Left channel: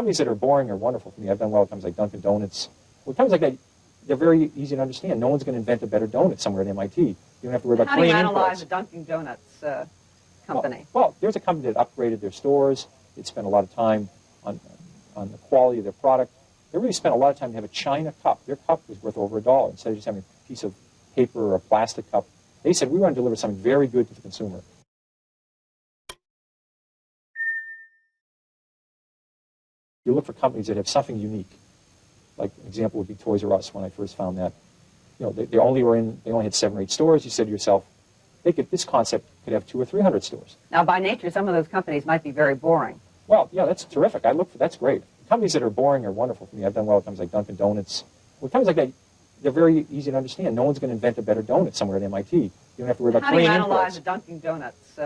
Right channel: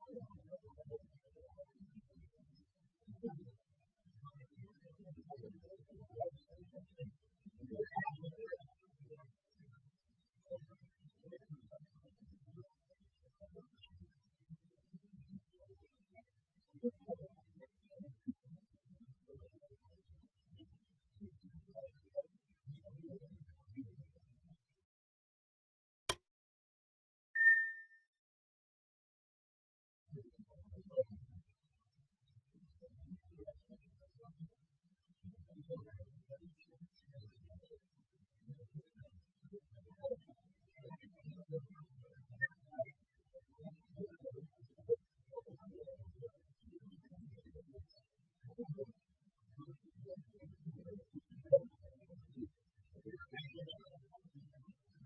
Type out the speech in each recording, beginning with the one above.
companies that are boring are wonderful for me. I've done well with companies like Dunkin' Donuts. Well, companies like that, they're very easy to understand. No one's going to invent a better donut somewhere at MIT. You don't have to worry about How do you plain analyze imports. a Dunkin' Donuts company? Well, there's a company that upgraded their stores. It spent a lot of time on the quality of their product. They really spent a lot of time to have a china cup. Their cup was worth over $1. Instead of just having a piece of paper or a plastic cup, they said, we want to deliver something very good to the consumer. You look for companies that have something unique. Like an example would be Toys R Us when I first found that. You know, they only had 7 or 8 stores. You said to yourself, this concept could have 200 or 300 stores. Now, by nature, some of those companies might be very boring. Well, yeah, that's terrific. That's great. Companies that are boring are wonderful for me. I've done well with companies like Dunkin' Donuts. Well, companies like that, they're very easy to understand. No one's going to invent a better donut somewhere at MIT. You don't have to worry about plain imports. How do you analyze a Dunkin' Donuts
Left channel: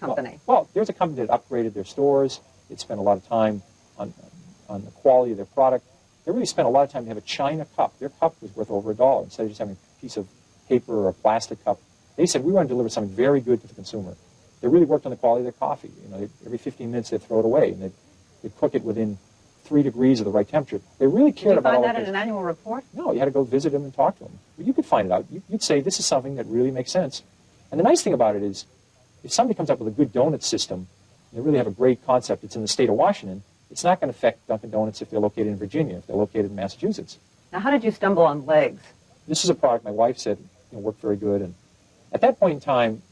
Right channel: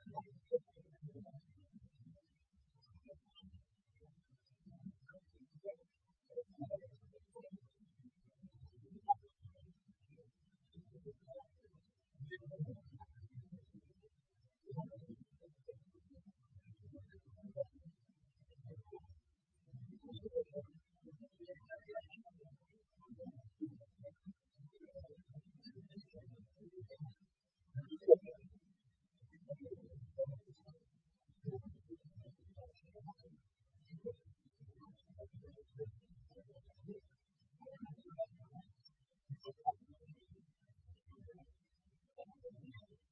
company? Well, there's a company that upgraded their stores. It spent a lot of time on the quality of their product. They really spent a lot of time to have a china cup. Their cup was worth over $1. Instead of just having a piece of paper or a plastic cup, they said, we want to deliver something very good to the consumer. They really worked on the quality of their coffee. You know, every 15 minutes they'd throw it away, and they'd cook it within 3 degrees of the right temperature. They really cared about all Did you find that in an annual report? No, you had to go visit them and talk to them. But you could find it out. You'd say, this is something that really makes sense. And the nice thing about it is, if somebody comes up with a good donut system, and they really have a great concept, it's in the state of Washington, it's not going to affect Dunkin' Donuts if they're located in Virginia, if they're located in Massachusetts. Now, how did you stumble on legs? This is a product my wife said worked very good. And at that point in time,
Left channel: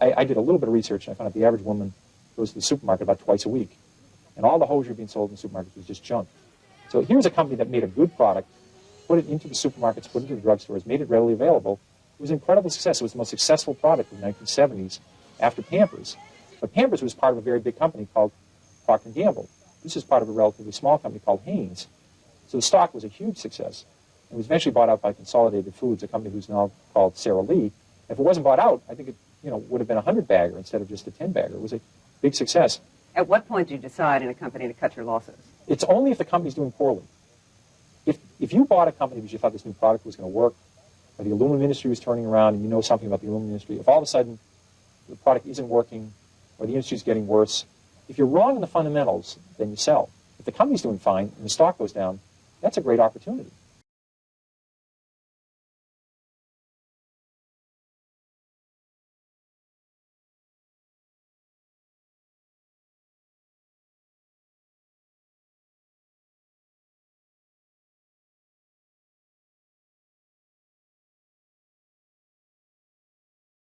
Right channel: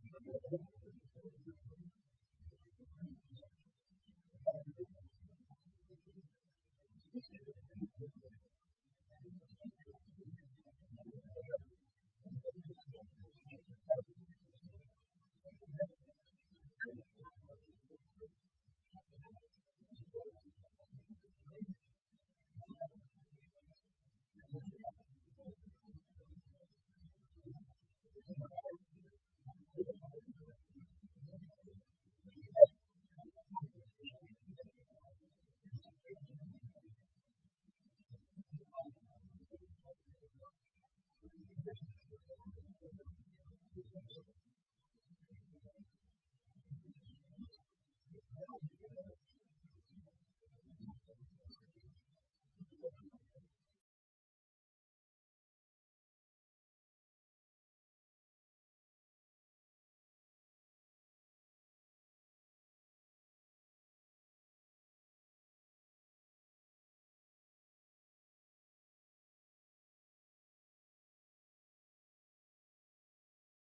I did a little bit of research, and I found out the average woman goes to the supermarket about twice a week. And all the hosiery being sold in the supermarkets was just junk. So here's a company that made a good product, put it into the supermarkets, put it into the drugstores, made it readily available. It was an incredible success. It was the most successful product in the 1970s after Pampers. But Pampers was part of a very big company called Procter & Gamble. This is part of a relatively small company called Hanes. So the stock was a huge success. It was eventually bought out by Consolidated Foods, a company who's now called Sara Lee. If it wasn't bought out, I think it would have been a 100-bagger instead of just a 10-bagger. It was a big success. At what point did you decide in a company to cut your losses? It's only if the company's doing poorly. If you bought a company because you thought this new product was going to work, or the aluminum industry was turning around and you know something about the aluminum industry, if all of a sudden the product isn't working or the industry's getting worse, if you're wrong in the fundamentals, then you sell. If the company's doing fine and the stock goes down, that's a great opportunity.